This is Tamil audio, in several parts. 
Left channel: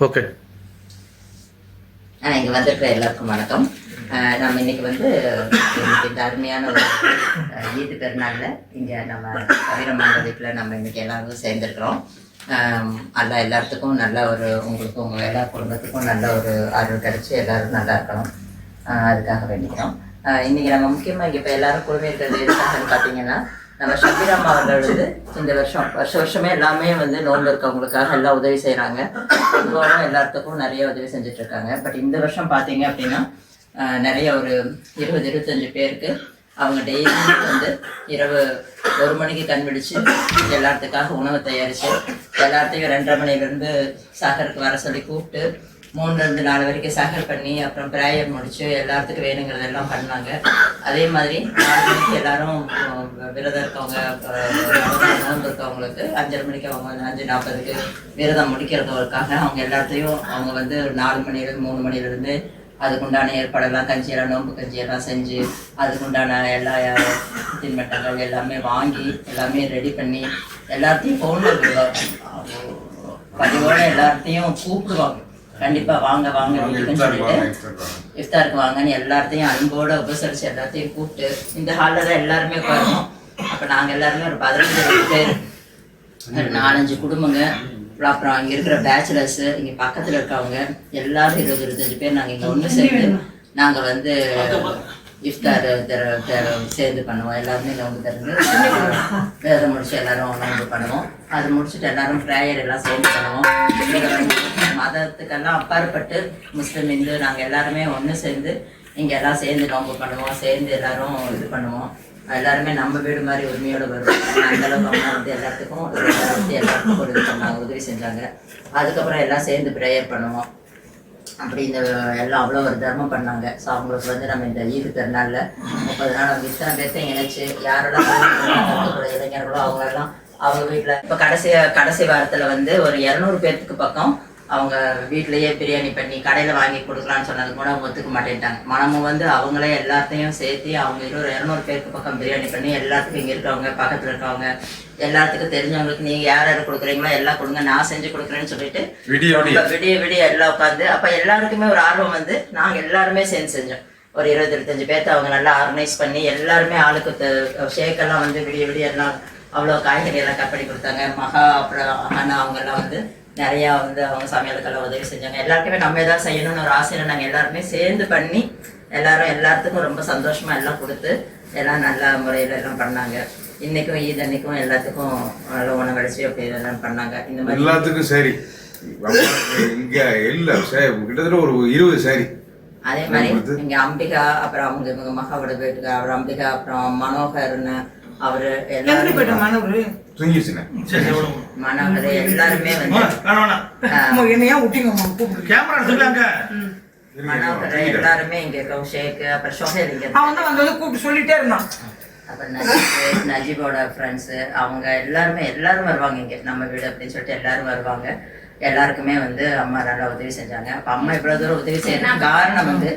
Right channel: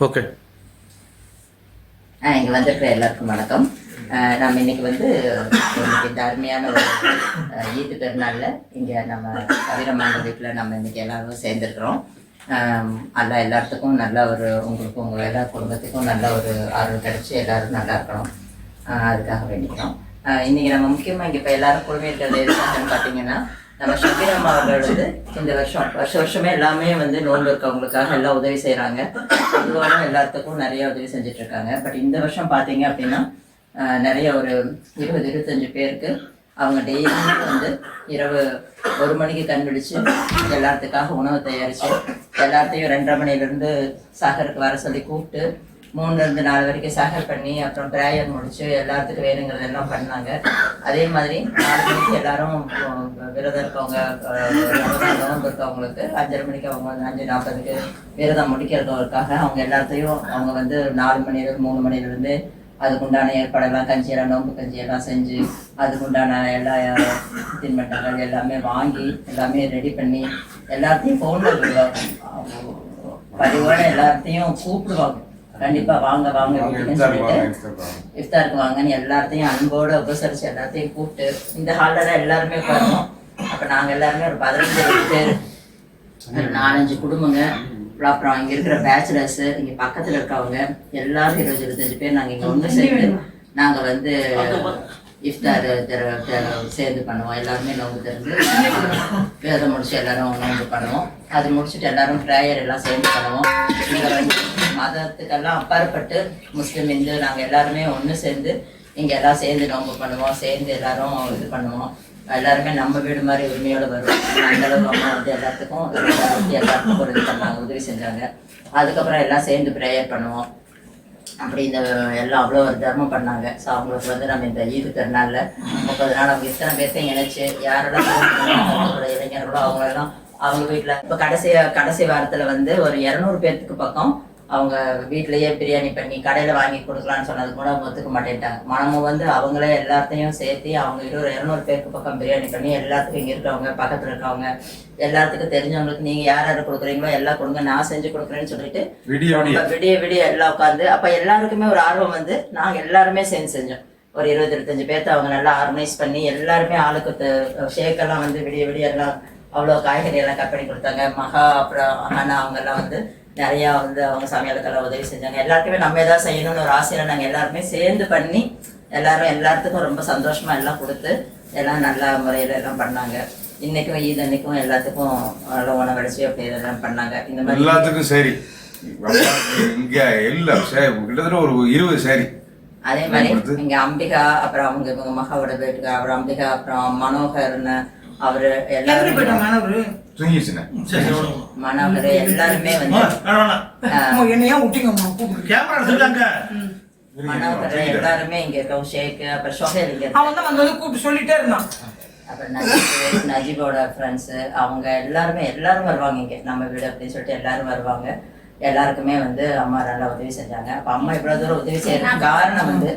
ஓகே. ஆஹ் இங்க வந்திருக்கிற எல்லாருக்கும் வணக்கம். ஆஹ் நம்ம இன்னைக்கு வந்து இன்னைக்கு இந்த அருமையான ஒரு ஈட்டு பெருநாளில் இங்கே இங்க நம்ம கவிரமான வீட்டில் நம்ம இன்னைக்கு எல்லாரும் சேர்ந்துருக்குறோம். ஆஹ் எல்லாத்துக்கும் நல்ல ஒரு உங்களுக்கும் உங்க எல்லா குடும்பத்துக்கும் நல்ல ஒரு ஆர்வம் கிடைச்சு எல்லோரும் நல்லா இருக்கணும். ஆஹ் அதுக்காக வேண்டிக்கிறோம். ஆஹ் இன்னைக்கு நம்ம முக்கியமா இங்க இப்ப எல்லாரும் குழுமைகள் எதுக்காகன்னு பாத்தீங்கன்னா நம்ம ஷபிராம் அவர்கள் வந்து இந்த வருஷம் வருஷ வருஷமே எல்லாமே வந்து நோன்பு இருக்கவங்களுக்காக எல்லாம் உதவி செய்கிறாங்க பொதுவாக எல்லாத்துக்கும் நிறைய உதவி செஞ்சிட்ருக்காங்க. பட் இந்த வருஷம் பார்த்தீங்க அப்படின்னா நிறைய ஒரு இருபது இருபத்தஞ்சு பேருக்கு அவங்க டெய்லியும் வந்து இரவு ஒரு மணிக்கு கண் விழிச்சு எல்லாத்துக்காக உணவு தயாரித்து எல்லாத்தையும் ரெண்டரை மணிலேருந்து சாகருக்கு வர சொல்லி கூப்பிட்டு மூணுலேருந்து நாலு வரைக்கும் சகர் பண்ணி அப்புறம் பிரேயர் முடிச்சு எல்லாத்துக்கும் வேணுங்கிறதெல்லாம் பண்ணாங்க. அதே மாதிரி நாலு மணிக்கு எல்லாரும் விரதம் இருக்கவங்க நோன்பு இருக்கவங்களுக்கு அஞ்சரை மணிக்கு அவங்க வந்து அஞ்சு நாற்பதுக்கு விரதம் முடிக்கிறதுக்காக அவங்க எல்லாத்தையும் அவங்க வந்து நாலு மணிலேருந்து மூணு மணிலேருந்து அதுக்குண்டான ஏற்பாடெல்லாம் கஞ்சியெல்லாம் நோன்பு கஞ்சியெல்லாம் செஞ்சு அதுக்குண்டான எல்லா தின்பண்டங்கள் எல்லாமே வாங்கி எல்லாமே ரெடி பண்ணி எல்லாத்தையும் ஃபோனில் பதிவோட எல்லாத்தையும் கூப்பிடுவாங்க. கண்டிப்பா வாங்க வாங்க வீட்டுக்குன்னு சொல்லிட்டு இஃப்தாருக்கு வாங்கன்னு எல்லாத்தையும் அன்போட உபசரிச்சு எல்லாத்தையும் கூப்பிட்டு இந்த ஹாலில் தான் எல்லாருமே உட்காருவோம். அப்ப நாங்க எல்லாருமே ஒரு பதினஞ்சு பேர் ஒரு நாலஞ்சு குடும்பங்க. அப்புறம் அங்க இருக்கிற பேச்சுலர்ஸ் இங்க பக்கத்துல இருக்கவங்க எல்லாரும் இருபது இருபத்தஞ்சு பேர் நாங்க இங்க ஒண்ணு சேர்ந்து நாங்க வந்து இஃப்தார் தெர- தெர- சேர்ந்து பண்ணுவோம். எல்லாருமே நோம்பு திறந்து விரதம் முடிச்சு எல்லாரும் நோம்பு பண்ணுவோம். அது முடிச்சுட்டு எல்லாரும் ப்ரேயர் எல்லாம் சேர்ந்து பண்ணுவோம். மதத்துக்கெல்லாம் அப்பாற்பட்டு முஸ்லீம் இந்து நாங்க எல்லாருமே ஒண்ணு சேர்ந்து இங்க எல்லாம் சேர்ந்து நோம்பு பண்ணுவோம். சேர்ந்து எல்லாரும் இது பண்ணுவோம். எல்லாருமே நம்ம வீடு மாதிரி உரிமையோடு வருவோம். அந்த அளவுக்கு அம்மா வந்து எல்லாத்துக்கும் எல்லாருக்கும் ஒரு பண்ணாங்க உதவி செஞ்சாங்க. அதுக்கப்புறம் எல்லாம் சேர்ந்து ப்ரேயர் பண்ணுவோம். அப்படி இந்த எல்லாம் அவ்வளோ ஒரு தர்மம் பண்ணாங்க. ஸோ அவங்களுக்கு வந்து நம்ம இந்த ஈது திருநாளில் முப்பது நாள் அவங்க இத்தனை பேர்த்தையும் இணைச்சு யாரெல்லாம் இளைஞர்களோ அவங்களெல்லாம் அவங்க வீட்டில் இப்போ கடைசி கடைசி வாரத்தில் வந்து ஒரு இரநூறு பேர்த்துக்கு பக்கம் அவங்க வீட்லயே பிரியாணி பண்ணி கடையில் வாங்கி கொடுக்கலான்னு சொன்னது கூட ஒத்துக்க மாட்டேன்ட்டாங்க. மனமும் வந்து அவங்களே எல்லாத்தையும் சேர்த்து அவங்க ஒரு இரநூறு பேருக்கு பக்கம் பிரியாணி பண்ணி எல்லாத்துக்கும் இங்கே இருக்கவங்க பக்கத்தில் இருக்கவங்க எல்லாத்துக்கும் தெரிஞ்சவங்களுக்கு நீங்கள் யார் யார் கொடுக்குறீங்களோ எல்லாம் கொடுங்க நான் செஞ்சு கொடுக்குறேன்னு சொல்லிட்டு விடிய விடிய. எல்லாம் உட்காந்து அப்ப எல்லாருக்குமே ஒரு ஆர்வம் வந்து நாங்க எல்லாருமே சேர்ந்து செஞ்சோம். ஒரு இருபது இருபத்தஞ்சு பேர்த்த அவங்க நல்லா ஆர்கனைஸ் பண்ணி எல்லாருமே ஆளுக்கு ஷேக் எல்லாம் வந்து விடிய விடிய எல்லாம் அவ்வளோ காய்கறி எல்லாம் கட் பண்ணி கொடுத்தாங்க. மகா அப்புறம் அண்ணா அவங்க எல்லாம் வந்து நிறைய வந்து அவங்க சமையலுக்கெல்லாம் உதவி செஞ்சாங்க. எல்லாருக்குமே நம்ம ஏதாவது செய்யணும்னு ஒரு ஆசையில நாங்க எல்லாருமே சேர்ந்து பண்ணி எல்லாரும் எல்லாத்துக்கும் ரொம்ப சந்தோஷமா எல்லாம் கொடுத்து எல்லாம் நல்ல முறையில எல்லாம் பண்ணாங்க. இன்னைக்கும் ஈத் அன்னைக்கும் எல்லாத்துக்கும் உணவடிச்சு அப்படி இதெல்லாம் பண்ணாங்க. இந்த மாதிரி எல்லாத்துக்கும் சரி. இங்க எல்லாம் சரி கிட்டத்தட்ட ஒரு இருபது சரி. அதே மாதிரி இங்க அம்பிகா அப்புறம் அவங்க இவங்க மகாவோட வீட்டுக்கு அப்புறம் அம்பிகா அப்புறம் மனோகர்னு அவரு எல்லாரும் போயிட்டோம் மாணவரு? தூங்கிடுச்சுண்ணே சரி சரி விடுங்க. மனோகர் எல்லாருமே வந்து வேணாம், வேணாம். அம்மா, என்னை ஏன் விட்டீங்கம்மா கேமரா எடுத்துக்கலாங்க. எல்லாருமே இங்க இருக்கோம். ஷேக் அப்புறம் இங்க அவன் வந்து கூப்பிட்டு சொல்லிட்டே இருந்தான். அப்புறம் நஜீப் நஜீபோட ஃப்ரெண்ட்ஸ் அவங்க எல்லாருமே எல்லாரும் வருவாங்க இங்க. நம்ம வீடு அப்படின்னு சொல்லிட்டு எல்லாரும் வருவாங்க. எல்லாருக்குமே வந்து அம்மா நல்லா உதவி செஞ்சாங்க. அப்ப அம்மா இவ்வளவு தூரம் உதவி செய்யறதுக்கு காரணம் வந்து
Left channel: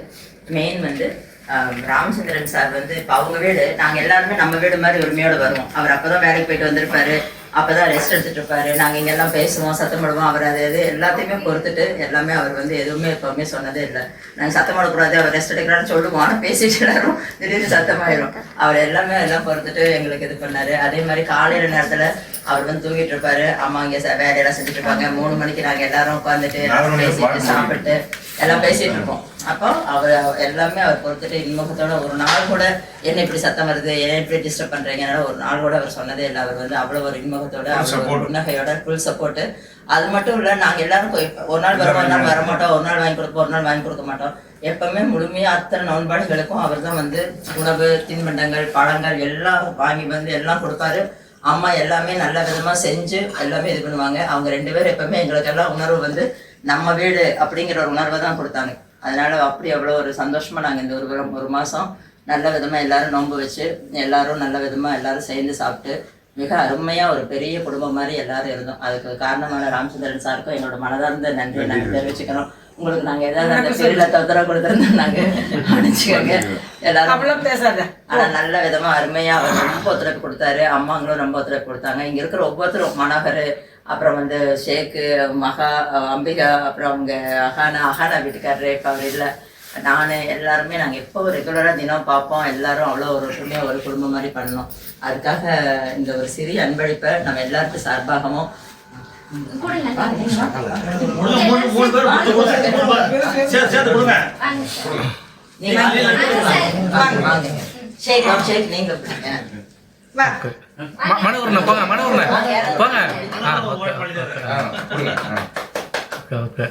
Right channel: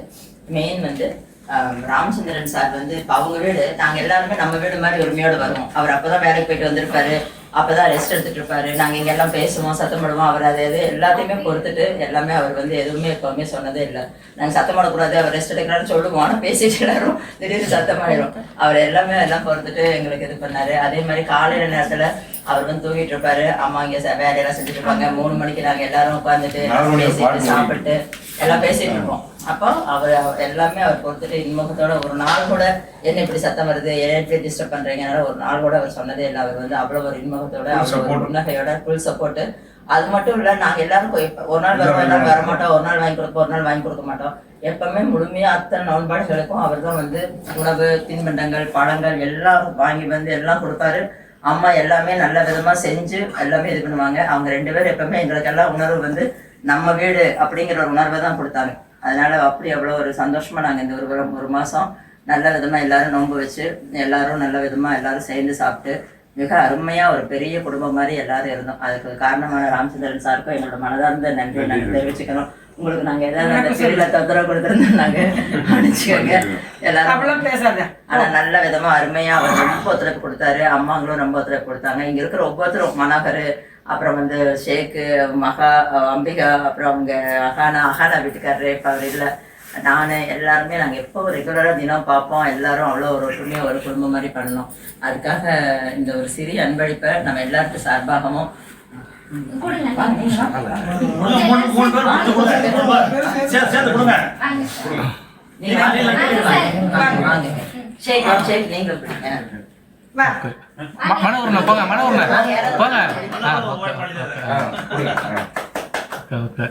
மெயின் வந்து ராமச்சந்திரன் சார் வந்து இப்ப அவங்க வீடு நாங்க எல்லாருமே நம்ம வீடு மாதிரி உரிமையோட வருவோம். அவர் அப்பதான் வேலைக்கு போயிட்டு வந்திருப்பாரு. அப்பதான் ரெஸ்ட் எடுத்துட்டு இருப்பாரு. நாங்க இங்க எல்லாம் பேசுவோம் சத்தம் போடுவோம். அவர் அதை எது எல்லாத்தையுமே பொறுத்துட்டு எல்லாமே அவர் வந்து எதுவுமே எப்பவுமே சொன்னதே இல்லை. நாங்க சத்தம் போடக்கூடாது அவர் ரெஸ்ட் எடுக்கிறான்னு சொல்லுவோம். ஆனா பேசிட்டு எல்லாரும் திடீர்னு சத்தமாயிரும். அவர் எல்லாமே எல்லாம் பொறுத்துட்டு எங்களுக்கு இது பண்ணாரு. அதே மாதிரி காலையில நேரத்துல அவர் வந்து தூங்கிட்டு இருப்பாரு. அம்மா இங்க வேலையெல்லாம் செஞ்சுட்டு இருப்பாங்க. மூணு மணிக்கு நாங்க எல்லாரும் உட்காந்துட்டு பேசிட்டு பாட்டு சாப்பிட்டு எல்லாம் பேசிட்டு இருப்போம். அப்போ அவர் எல்லாமே அவர் பொறுத்துட்டு இன்முகத்தோட ஒரு நாள் கூட என்ன இப்படி சத்தம் வருது என்ன இப்படி டிஸ்டர்ப் பண்றீங்கனால ஒரு நாள் கூட அவர் சொன்னதே இல்லை. அவர் வந்து அவ்வளவு ஒரு இன்முகத்தோட அவ்வளவு. புன்னகையோட ஃபுல் சப்போர்ட் அது மட்டும் இல்ல நாங்க எல்லாரும் ஒரு நாள் வருவோம் ஒரு நாள் வர மாட்டோம் ஒரு நாள் வாங்கி கொடுப்போம் ஒரு நாள் வாங்கி கொடுக்க மாட்டோம். எப்பவுமே முழுமையா அத்தனை நோன்பாடுகளுக்கும் அவர் தான் வந்து உணவு தின்பண்டங்கள் பழங்கள் எல்லாம் வாங்கி வந்து எல்லாம் கொடுப்பாரு. அம்மா எல்லாமே நல்ல விதமா செஞ்சு எல்லாமே இது பண்ணுவாங்க. அவங்க ரெண்டு பேரும் எப்பவுமே எங்களுக்கு எல்லாம் உணர்வு வந்து நம்ம வீடு அப்படிங்கிற ஒரு உணர்வை தான் கொடுத்தாங்க. அதனால அப்படி அவ்வளவு ஒரு சந்தோஷமா நாங்க இந்த ஒரு ஒரு மாசம் நல்ல விதமா எல்லாரும் நோன்பு வச்சு எல்லாரும் நல்ல விதமா எல்லாரும் சேர்ந்து சாப்பிட்டு மிக அருமையா ஒரு பெரிய குடும்பம் மாதிரி எல்லாரும் இருந்தோம். அதுக்கு காரணமான ராமச்சந்திரன் சாருக்கும் எங்களோட மனதார்ந்த நன்றியை நாங்க தெரிவிச்சுக்கிறோம். உங்களுக்கு நாங்க ஏதாவது அந்த பிரிவுல தொந்தரவு கொடுத்துருந்தோம் நாங்க மன்னிச்சுக்கோங்க எல்லாரும் அவ்வளவு பேசாத. ஆனா நல்ல விதமா அருமையா அவர் ரொம்ப ஒத்துழைப்பு கொடுத்தாரு. அம்மாங்களும் ரொம்ப ஒத்துழைப்பு கொடுத்தாங்க. இங்க இருக்கிற ஒவ்வொருத்தரும் மனோகர் அப்புறம் வந்து ஷேக்கு மகா அம்பிகா அப்புறம் அவங்க அகானா அகானா வீட்டுக்காரரு இப்போ அவர் இல்லை. நான் எல்லாருமே நாங்கள் எப்போ ரெகுலராக தினம் பார்ப்போம். எல்லாரும் அவ்வளோ ஒரு ஒற்றுமையாக ஒரு குடும்பம் மாதிரி பண்ணோம் அதுக்காக இந்த ஒரு சிறிய அன்பளிப்பை நம்ம எல்லாருக்கும் சார்பாகவும் சேர்த்து கொடுங்க. நீங்க போங்க போங்க ஓகே ஓகே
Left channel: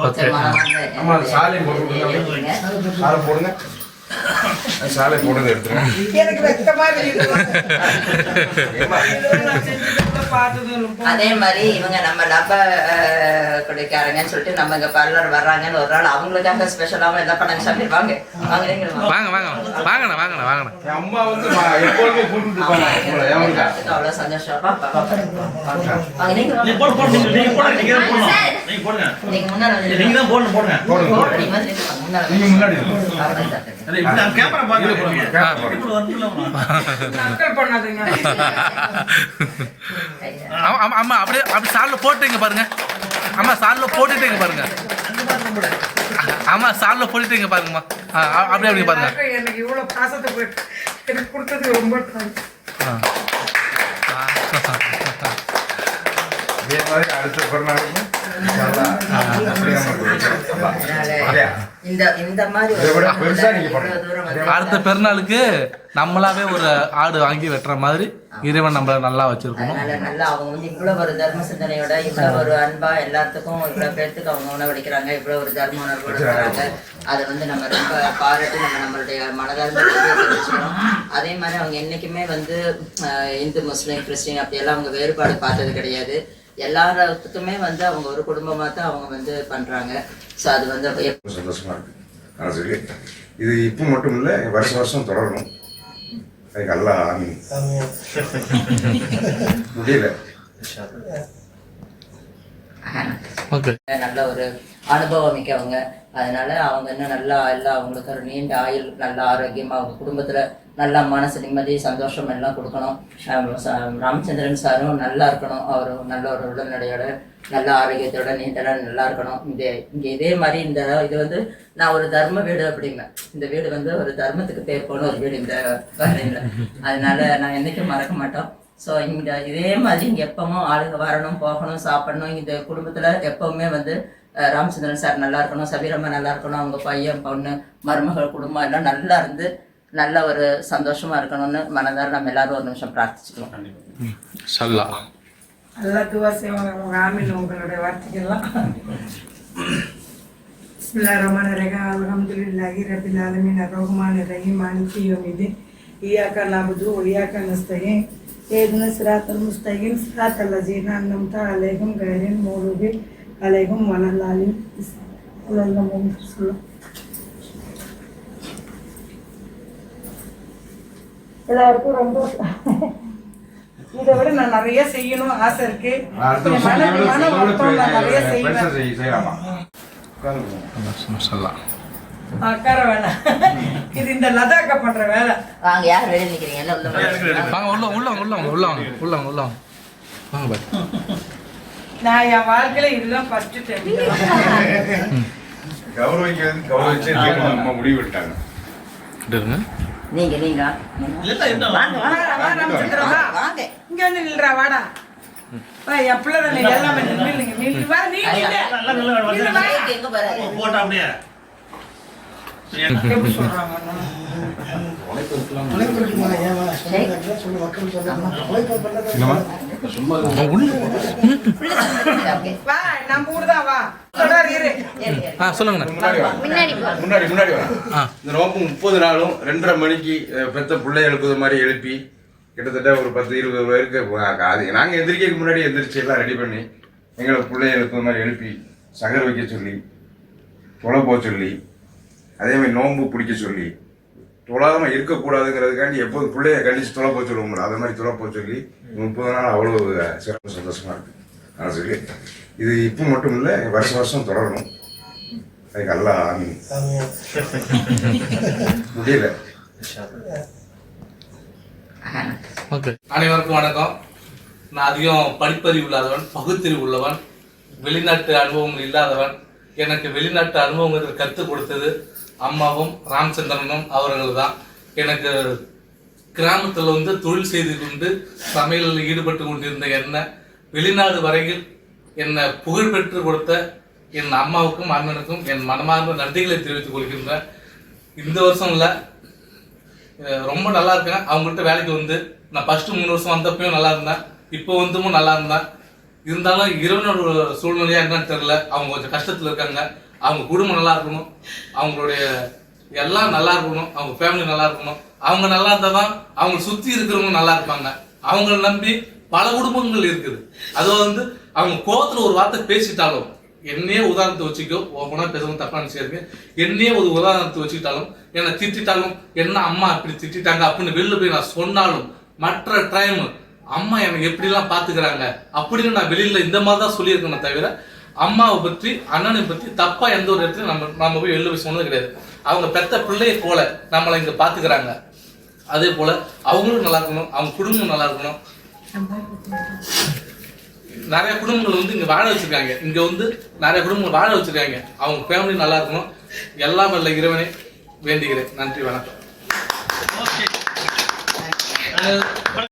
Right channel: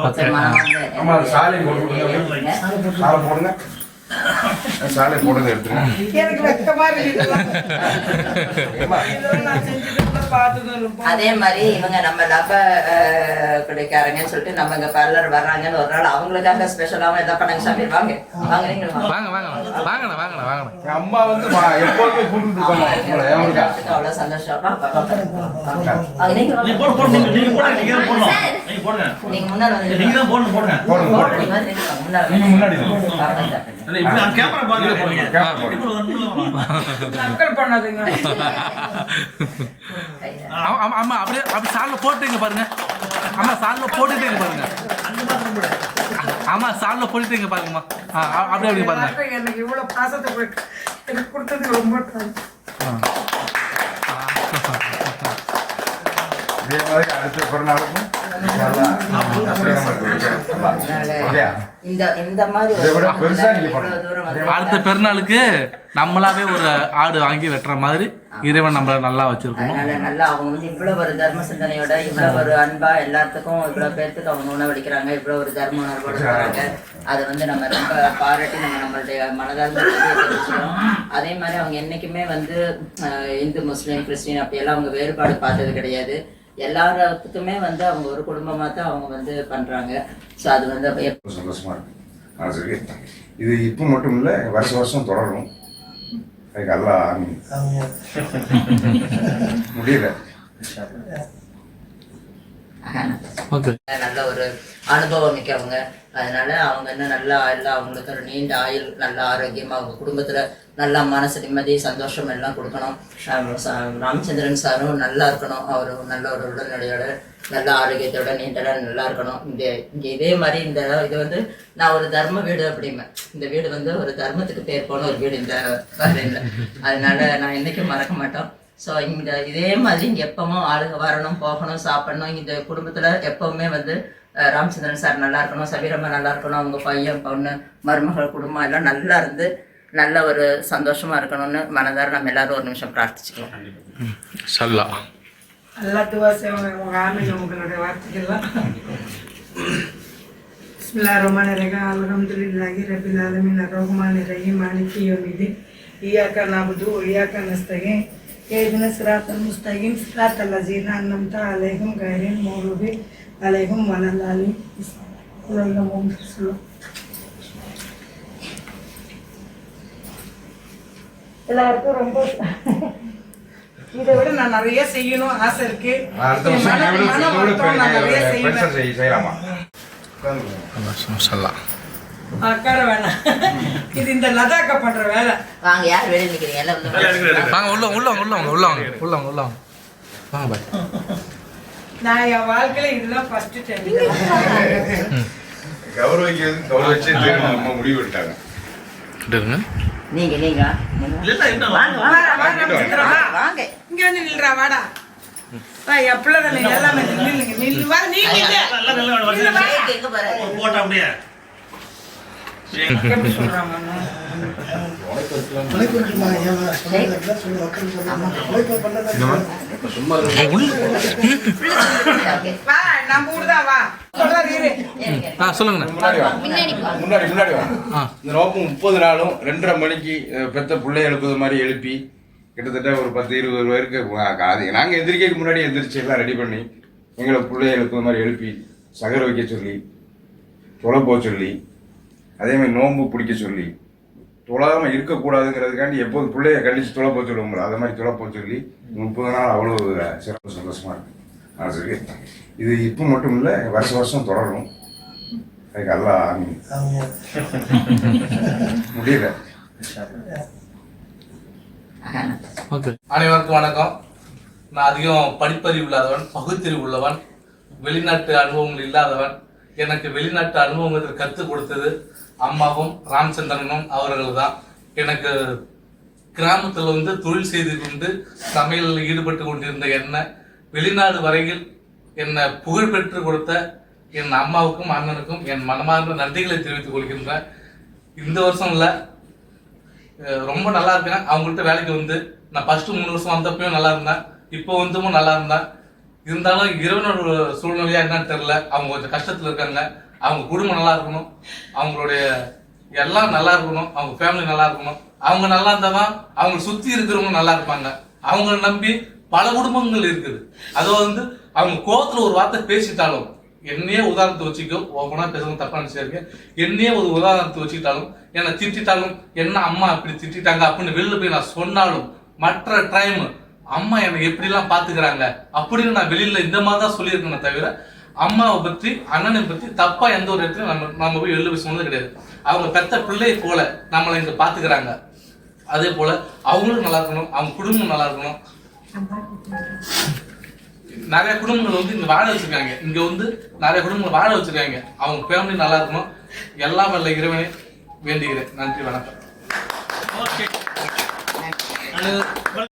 ஓகே ஆமா, சாலை போடுங்க சாலை எடுத்துருங்க எனக்கு வெக்கமா இல்லை. அதே மாதிரி இவங்க நம்ம லப குடிக்காரங்கன்னு சொல்லிட்டு நம்ம இங்க பார்லர் வர்றாங்கன்னு ஒரு நாள் அவங்களுக்காக ஸ்பெஷலாவும் எல்லாம் பண்ணாங்க சாமி. வாங்க. வாங்க வாங்க. வாங்க வாங்க. என் அம்மா வந்து எப்போதுமே கூட்டிட்டு இருப்பாங்க? அவ்வளவு சந்தோஷம். நீங்க முன்னால நீங்க முன்னாடி அது கேமரா ஆமா, ஆமா அப்படியே அப்படி சால்ல போட்டுங்க பாருங்க. ஆமா சால்ல போட்டுட்டீங்க பாருங்க. ஆமா சால்ல போட்டுட்டீங்க பாருங்கம்மா. அப்படியே அப்படியே பாருங்க. எனக்கு இவ்வளவு பாசத்தை எனக்கு ரொம்ப. இதே மாதிரி அடுத்த பிறநாளுக்கும் அடுத்த பெருநாளுக்கு நம்மளாவே ஒரு ஆடு வாங்கி வெட்டுற மாதிரி இறைவன் நம்மள நல்லா வச்சிருக்கணும். அதனால நல்லா அவங்க வந்து இவ்வளவு ஒரு தர்ம சிந்தனையோட இவ்வளவு ஒரு அன்பா எல்லாத்துக்கும் இவ்வளவு பேர்த்துக்கு அவங்க உணவளிக்கிறாங்க இவ்வளவு ஒரு தர்ம உணர்வோட இருக்கிறாங்க அதை வந்து நம்ம ரொம்ப பாராட்டி நம்ம நம்மளுடைய மனதால் தெரிவிச்சுக்கிறோம். அதே மாதிரி அவங்க என்னைக்குமே வந்து அஹ், இந்து முஸ்லீம் கிறிஸ்டின் அப்படியெல்லாம் அவங்க வேறுபாடு பார்த்தது கிடையாது. எல்லாத்துக்குமே வந்து அவங்க ஒரு குடும்பமா தான் அவங்க வந்து பண்றாங்க. ஸோ அது வந்து அப்ப எப்ப- ரொம்ப சந்தோஷமா இருக்கு. நான் சொல்லி இது இப்போ மட்டும் இல்லை வருஷம் வருஷம் தொடரும். அதுக்கு அல்லா முடியல. நல்ல ஒரு அனுபவம் மிக்கவங்க. அதனால அவங்க இன்னும் நல்லா எல்லாம் அவங்களுக்கு ஒரு நீண்ட ஆயுள் நல்ல ஆரோக்கியமாக அவங்க குடும்பத்தில் நல்லா மனசு நிம்மதி சந்தோஷம் எல்லாம் கொடுக்கணும். ராமச்சந்திரன் சாரும் நல்லா இருக்கணும். அவர் நல்ல ஒரு உடல்நிலையோட நல்ல ஆரோக்கியத்தோட நீண்டலாம் நல்லா இருக்கணும். இந்த இங்கே இதே மாதிரி இந்த இது வந்து நான் ஒரு தர்ம வீடு அப்படிம்பேன். இந்த வீடு வந்து ஒரு தர்மத்துக்கு பேர் போன ஒரு வீடு இந்த பஹ்ரைன்ல அதனால நான் என்றைக்கும் மறக்க மாட்டோம். ஸோ இந்த இதே மாதிரி இங்கே எப்பவும் ஆளுங்க வரணும் போகணும் சாப்பிடணும். இந்த குடும்பத்தில் எப்பவுமே வந்து ராமச்சந்திரன் சார் நல்லா இருக்கணும் சபீரம்மா நல்லா இருக்கணும் அவங்க பையன் பொண்ணு மருமகள் குடும்பம் எல்லாம் நல்லா இருந்து நல்ல ஒரு சந்தோஷமா இருக்கணும்னு மனதார நம்ம எல்லாரும் ஒரு நிமிஷம் பிரார்த்திச்சுக்கலாம். சல்லா. எல்லா துவாசையும் உங்க ஆமீன் உங்களுடைய வார்த்தைகள்லாம். பிஸ்மில்லா ரஹ்மான் ரஹீம். அல்ஹம்துலில்லாஹி ரபில் ஆலமீன். அர்ரஹ்மான் ரஹீம். மாலிகி யௌமிddin இய்யாக நஅபுது வ இய்யாக நஸ்தஈன் இஹ்தின ஸிராத்தல் முஸ்தகீம் ஸிராத்தல் லஸீன அன்அம்த அலைஹிம் கைரில் மக்ரூபி அலைஹிம் வலல்லாலின் எல்லாருக்கும் ரொம்ப இதை விட நான் நிறைய செய்யணும் ஆசை இருக்கு. மன வருத்தம் நான் நிறைய பெரிய செய்வேன். பெருசா செய்- செய்யலாமா? உட்கார்ந்து சல்லா உட்கார வேணாம். இது இந்த லதாக்கா பண்ற வேலை. வாங்க யார் வெளியே நிற்கிறீங்க எல்லாம் உள்ள வாங்க. உள்ள உள்ள வாங்க உள்ள வாங்க உள்ள வாங்க உள்ள வாங்க உள்ள வாங்க. வாங்க பாய். நான் என் வாழ்க்கையில இதுதான் ஃபர்ஸ்ட் டைம் கௌரவிக்கிறது கௌரவிச்சு நம்ம முடிவு இருங்க நீங்க நீங்க. இங்க வந்து நில்றா வாடா. என் பிள்ளை எல்லாமே நில்லுங்க நில்லு வா போட்டா அப்படியே. எப்படி சொல்றாங்க? சொல்லுங்கண்ணா. முன்னாடி. முன்னாடி இந்த நோக்கு முப்பது நாளும் ரெண்டரை மணிக்கு பெத்த பிள்ளை எழுப்புது மாதிரி எழுப்பி கிட்டத்தட்ட ஒரு பத்து இருபது பேருக்கு அது நாங்கள் எந்திரிக்கிறதுக்கு முன்னாடி எந்திரிச்சு எல்லாம் ரெடி பண்ணி எங்களை பிள்ளை எழுப்புது மாதிரி எழுப்பி சகர் வைக்க சொல்லி தொலை போக சொல்லி அதே மாதிரி நோன்பு பிடிக்க சொல்லி தொழாம இருக்கக்கூடாதுங்கிறதுக்காண்டி எப்போது பிள்ளைய கண்டிச்சு தொலை போக சொல்லுவோங்களோ அதை மாதிரி தொலை போக சொல்லி முப்பது நாள் அவ்வளோ சிறப்பு சந்தோஷமா இருக்கு. நான் சொல்லி இது இப்போ மட்டும் இல்லை வருஷம் வருஷம் தொடரும். அதுக்கு அல்லா ஆமீன் முடியல. அனைவருக்கும் வணக்கம். நான் அதிகம் படிப்பறிவு இல்லாதவன் பகுத்தறிவு உள்ளவன் வெளிநாட்டு அனுபவங்கள் இல்லாதவன். எனக்கு வெளிநாட்டு அனுபவங்கள் கற்றுக் கொடுத்தது அம்மாவும் ராமச்சந்திரனும் அவர்கள் தான் எனக்கு கிராமத்தில் வந்து தொழில் செய்து கொண்டு சமையலில் ஈடுபட்டு கொண்டிருந்த என்ன வெளிநாடு வரையில் என்னை புகழ்பெற்று கொடுத்த என் அம்மாவுக்கும் அண்ணனுக்கும் என் மனமார்ந்த நன்றிகளை தெரிவித்துக் கொள்கின்றேன். இந்த வருஷம் இல்லை. ரொம்ப நல்லா இருக்கேன். அவங்கள்ட்ட வேலைக்கு வந்து நான் ஃபர்ஸ்ட் மூணு வருஷம் வந்தப்பையும் நல்லா இருந்தேன். இப்போ வந்தும் நல்லா இருந்தேன். இருந்தாலும் இறைவனோட சூழ்நிலையா என்னன்னு தெரியல. அவங்க கொஞ்சம் கஷ்டத்தில் இருக்காங்க. அவங்க குடும்பம் நல்லா இருக்கணும். அவங்களுடைய எல்லாம் நல்லா இருக்கணும். அவங்க ஃபேமிலி நல்லா இருக்கணும். அவங்க நல்லா இருந்தாதான் அவங்க சுத்தி இருக்கிறவங்க நல்லா இருப்பாங்க. அவங்கள நம்பி பல குடும்பங்கள் இருக்குது. அது வந்து அவங்க கோத்துல ஒரு வார்த்தை பேசிட்டாலும் என்னையே உதாரணத்தை வச்சுக்கோ ஓப்பனா பேசவும் தப்பா நினைச்சிருக்கு என்னையே ஒரு உதாரணத்தை வச்சுக்கிட்டாலும் என்னை திட்டிட்டாலும் என்ன அம்மா இப்படி திட்டிட்டாங்க அப்படின்னு வெளில போய் நான் சொன்னாலும் மற்ற டைம் அம்மா என்னை எப்படிலாம் பாத்துக்கிறாங்க அப்படின்னு நான் வெளியில இந்த மாதிரி தான் சொல்லியிருக்கேனே தவிர அம்மாவை பற்றி அண்ணனை பற்றி தப்பா எந்த ஒரு இடத்துல நம்ம நம்ம போய் எழுத போய் சொன்னது கிடையாது. அவங்க பெத்த பிள்ளையை போல நம்மளை இங்க பாத்துக்கிறாங்க. அதே போல அவங்களும் நல்லா இருக்கணும் அவங்க குடும்பம் நல்லா இருக்கணும். நிறைய குடும்பங்கள் வந்து இங்க வாழ வச்சிருக்காங்க. இங்க வந்து நிறைய குடும்பங்கள் வாழ வச்சிருக்காங்க. அவங்க ஃபேமிலி நல்லா இருக்கணும். எல்லாம் வல்ல இறைவனை வேண்டுகிறேன். நன்றி வணக்கம். ஓகே